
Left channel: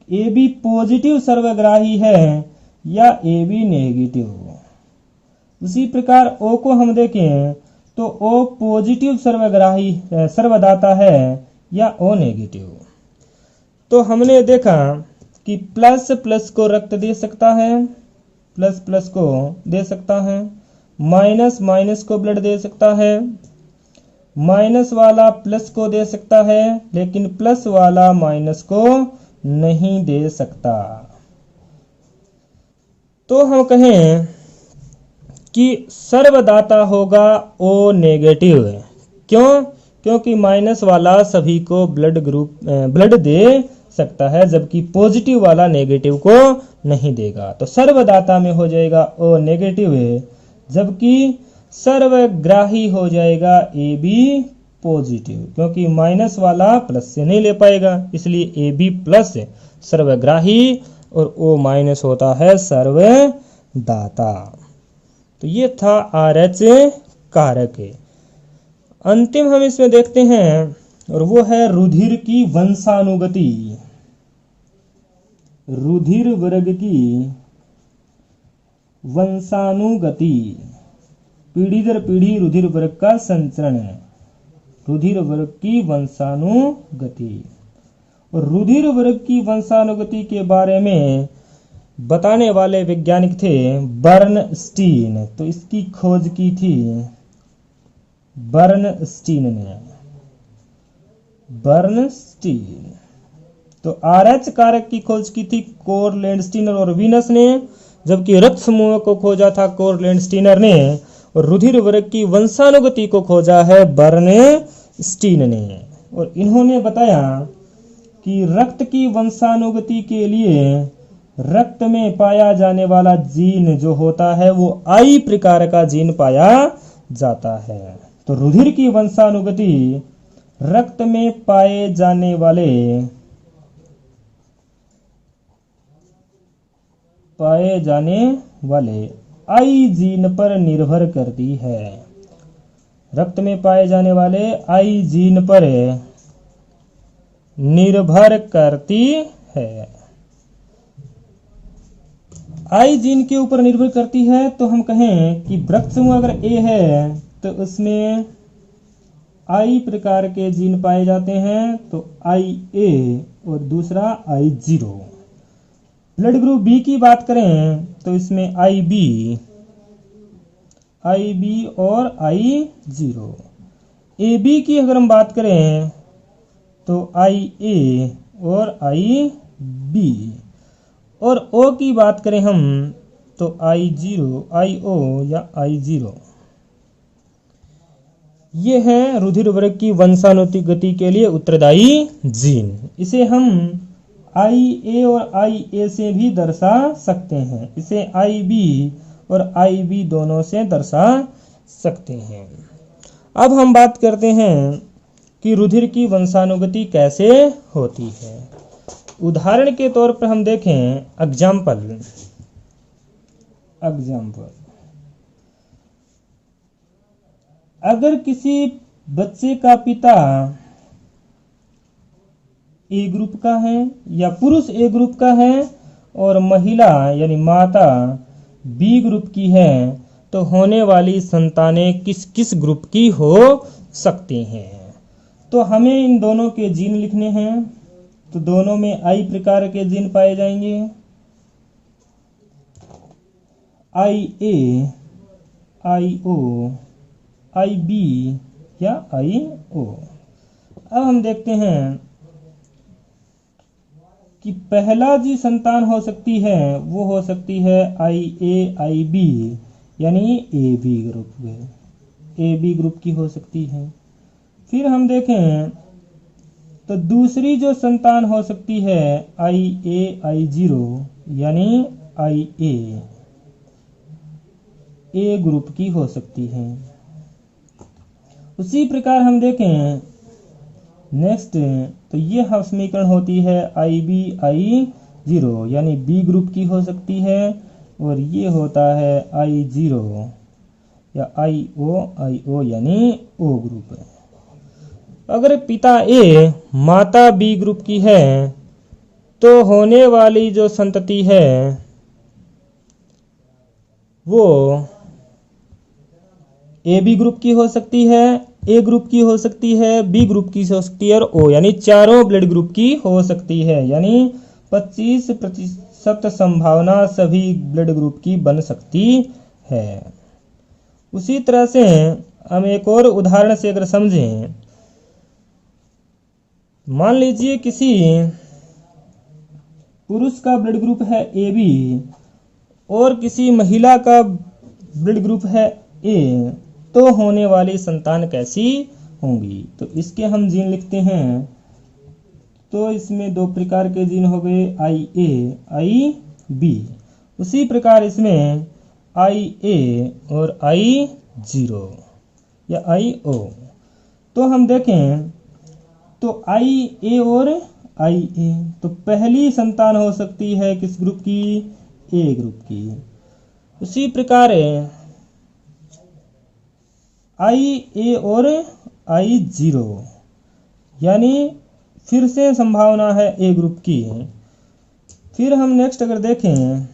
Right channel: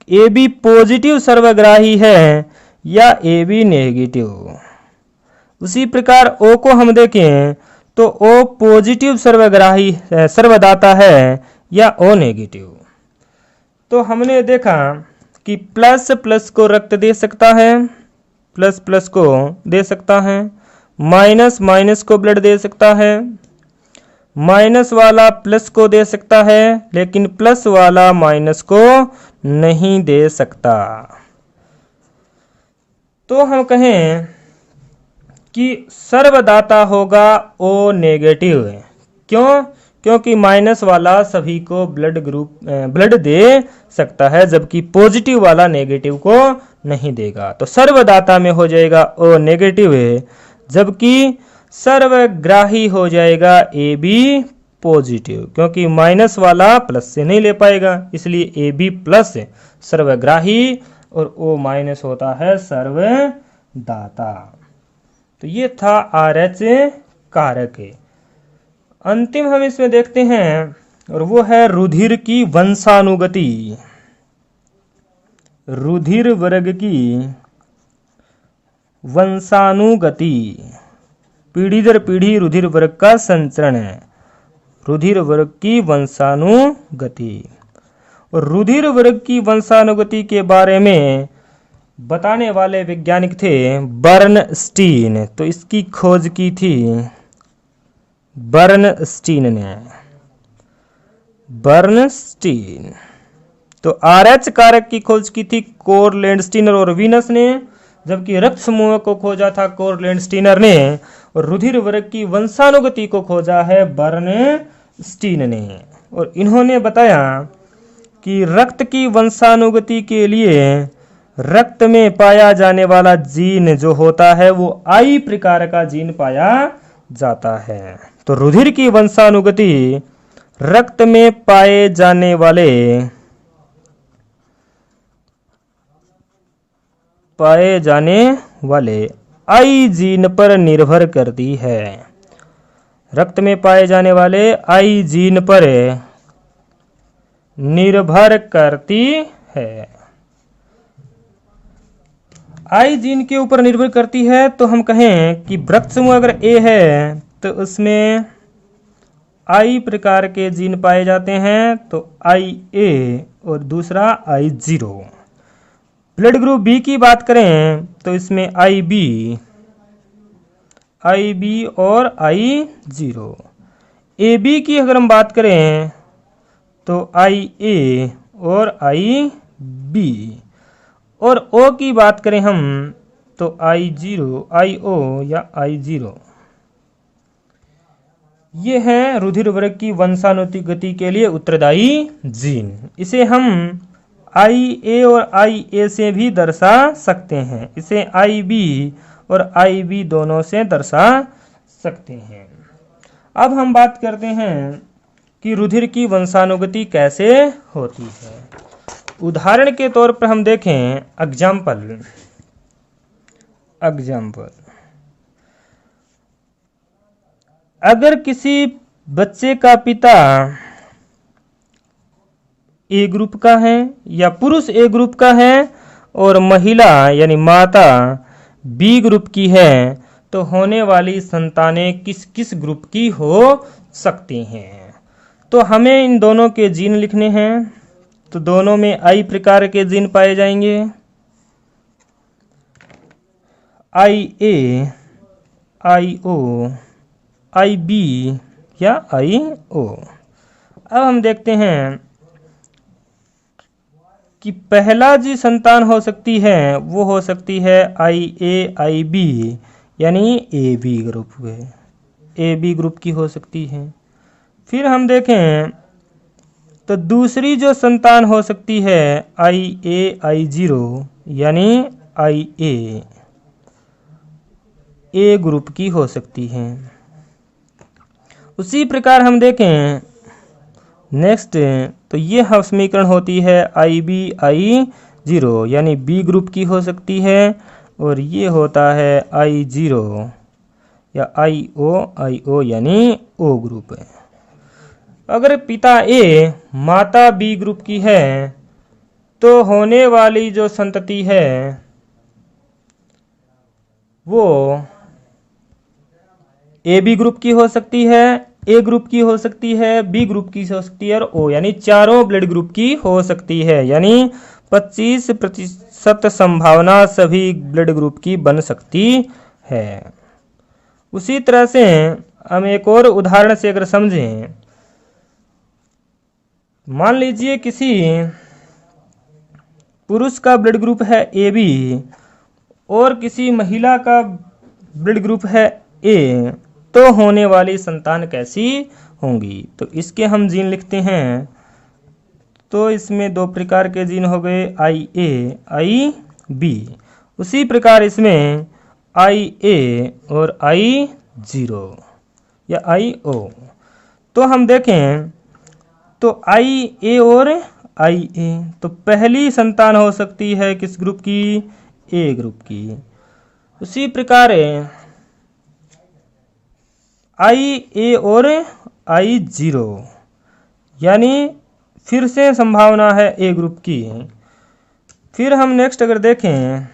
AB पॉजिटिव सर्वग्राही है या AB नेगेटिव। उसी प्रकार O को हम देखें तो O पॉजिटिव सर्वदाता है या O नेगेटिव। तो हमने देखा कि प्लस प्लस को रक्त दे सकता है, प्लस प्लस को दे सकता है, माइनस माइनस को ब्लड दे सकता है, माइनस वाला प्लस को दे सकता है, लेकिन प्लस वाला माइनस को नहीं दे सकता। तो हम कहें कि सर्वदाता होगा ओ नेगेटिव। क्यों? क्योंकि माइनस वाला सभी को ब्लड दे सकता है, जबकि पॉजिटिव वाला नेगेटिव को नहीं देगा। तो सर्वदाता में हो जाएगा ओ नेगेटिव, जबकि सर्वग्राही हो जाएगा ए बी पॉजिटिव, क्योंकि माइनस वाला प्लस से नहीं ले पाएगा, इसलिए ए बी प्लस सर्वग्राही और ओ माइनस होता है सर्वदाता। तो ये था RH कारक। अंतिम हम इसमें देखते हैं और वो है रुधिर की वंशानुगति। रुधिर वर्ग की वंशानुगति, पीढ़ी दर पीढ़ी रुधिर वर्ग का संचरण है, रुधिर वर्ग की वंशानुगति। और रुधिर वर्ग की वंशानुगति के बारे में बताने वाले वैज्ञानिक थे बर्नस्टीन। तो इसकी खोज की थी बर्नस्टीन ने, बर्नस्टीन। तो RH कारक की खोज की थी कोरलैंडस्टीनर और वीनस ने, जबकि रक्त समूह को खोजा था कोरलैंडस्टीनर ने, और रुधिर वर्ग की वंशानुगति को खोजा है बर्नस्टीन ने। और इन्होंने बताया कि रक्त की वंशानुगति के लिए रक्त में पाया जाने वाला जीन जो होता है वो I प्रकार का जीन पाया जाता है। तो रुधिर की वंशानुगति रक्त में पाए जाने वाले I जीन पर निर्भर करती है। रक्त में पाए जाने वाले I जीन पर निर्भर करती है। I जीन के ऊपर निर्भर करती है। तो हम कहें कि रक्त समूह अगर A है तो उसमें I प्रकार के जीन पाए जाते हैं, तो IA और दूसरा I0। ब्लड ग्रुप B की बात करें तो इसमें IB और I0। AB की अगर हम बात करें तो IA और IB। और O की बात करें हम तो IO या I0। ये हैं रुधिर वर्ग की वंशानुगति के लिए उत्तरदायी जीन। इसे हम IA और IA से भी दर्शा सकते हैं, इसे IB और IB दोनों से दर्शा सकते हैं। अब हम बात करते हैं कि रुधिर की वंशानुगति कैसे होती है। उदाहरण के तौर पर हम देखें एग्जाम्पल। अगर किसी बच्चे का पिता ए ग्रुप का है या पुरुष ए ग्रुप का है और महिला यानी माता बी ग्रुप की है, तो होने वाली संतानें किस किस ग्रुप की हो सकती हैं। तो हमें इन दोनों के जीन लिखने हैं। तो दोनों में I प्रकार के जीन पाए जाएंगे, IA, IO, IB या IO। अब हम देखते हैं कि पहला जी संतान हो सकती है वो हो सकती है IA, IB यानी AB ग्रुप है, AB ग्रुप की हो सकती है। फिर हम देखें तो दूसरी जो संतान हो सकती है IA, I0 यानी IA, A ग्रुप की हो सकती है। उसी प्रकार हम देखें नेक्स्ट, तो ये समीकरण होती है IB, I0 यानी B ग्रुप की हो सकती है, और ये होता है I0 या IO यानी O ग्रुप है। अगर पिता A माता B ग्रुप की है तो होने वाली जो संतति है वो AB ग्रुप की हो सकती है ए ग्रुप की हो सकती है, बी ग्रुप की हो सकती है और ओ, यानी चारों ब्लड ग्रुप की हो सकती है। यानी 25% संभावना सभी ब्लड ग्रुप की बन सकती है। उसी तरह से हम एक और उदाहरण से अगर समझें, मान लीजिए किसी पुरुष का ब्लड ग्रुप है ए बी और किसी महिला का ब्लड ग्रुप है ए, तो होने वाली संतान कैसी होंगी? तो इसके हम जीन लिखते हैं। तो इसमें दो प्रकार के जीन हो गए, आई ए आई बी। उसी प्रकार इसमें आई ए और आई जीरो या आई ओ। तो हम देखें तो आई ए और आई ए, तो पहली संतान हो सकती है किस ग्रुप की? ए ग्रुप की। उसी प्रकार आई ए और आई जीरो, यानी फिर से संभावना है ए ग्रुप की। फिर हम नेक्स्ट अगर देखें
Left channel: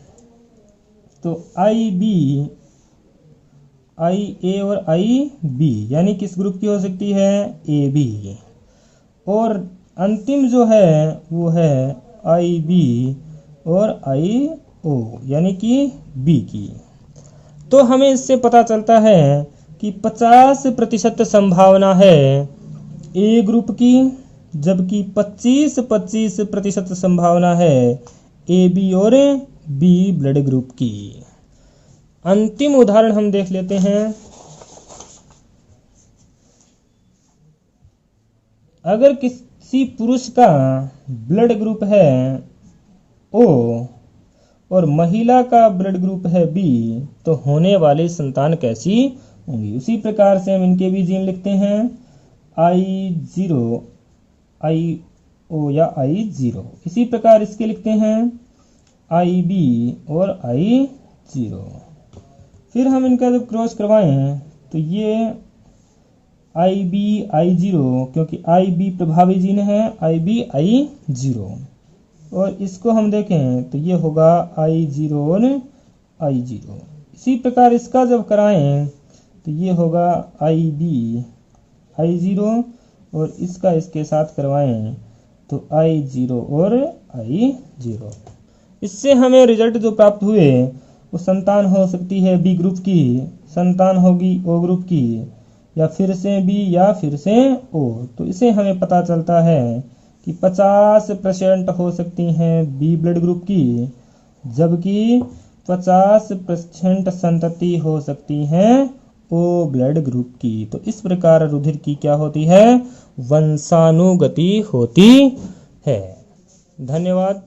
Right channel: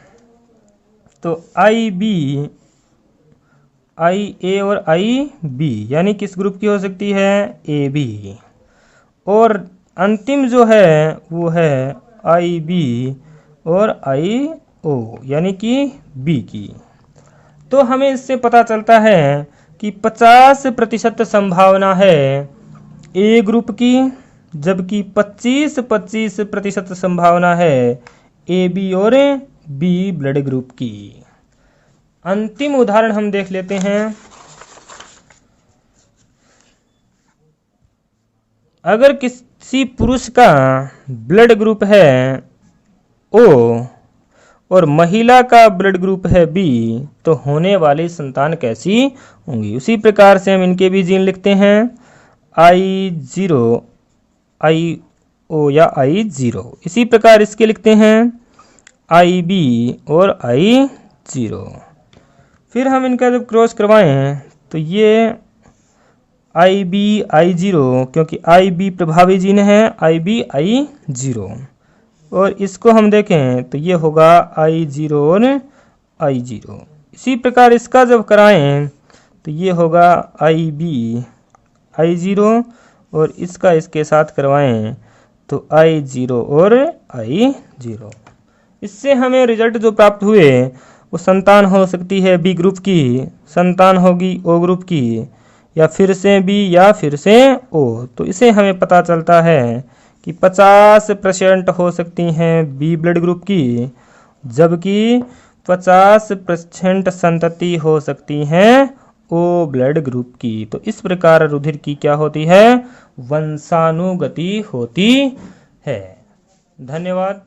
तो आई बी, आई ए और आई बी, यानी किस ग्रुप की हो सकती है? A B. और अंतिम जो है वो है आई बी और आई ओ, यानी कि बी की। तो हमें इससे पता चलता है कि 50% संभावना है ए ग्रुप की, जबकि 25% संभावना है ए बी और बी ब्लड ग्रुप की। अंतिम उदाहरण हम देख लेते हैं। अगर किसी पुरुष का ब्लड ग्रुप है ओ और महिला का ब्लड ग्रुप है बी, तो होने वाली संतान कैसी होंगी? उसी प्रकार से हम इनके भी जीन लिखते हैं, आई जीरो आई ओ या आई जीरो। इसी प्रकार इसके लिखते हैं आई बी और आई जीरो। फिर हम इनका जब क्रॉस करवाएं तो ये आई बी आई जीरो, क्योंकि आई बी प्रभावी जीन है, आई बी आई जीरो। और इसको हम देखें तो ये होगा आई जीरो और आई जीरो। इसी प्रकार इसका जब कराएं तो ये होगा आई बी आई जीरो, और इसका इसके साथ करवाएं तो आई जीरो और आई जीरो। इससे हमें रिजल्ट जो प्राप्त हुए वो संतान हो सकती है बी ग्रुप की, संतान होगी ओ ग्रुप की, या फिर से बी या फिर से ओ। तो इसे हमें पता चलता है कि 50% हो सकती हैं बी ब्लड ग्रुप की, जबकि 50% संतति हो सकती हैं ओ ब्लड ग्रुप की। तो इस प्रकार रुधिर की क्या होती है? वंशानुगति होती है। धन्यवाद।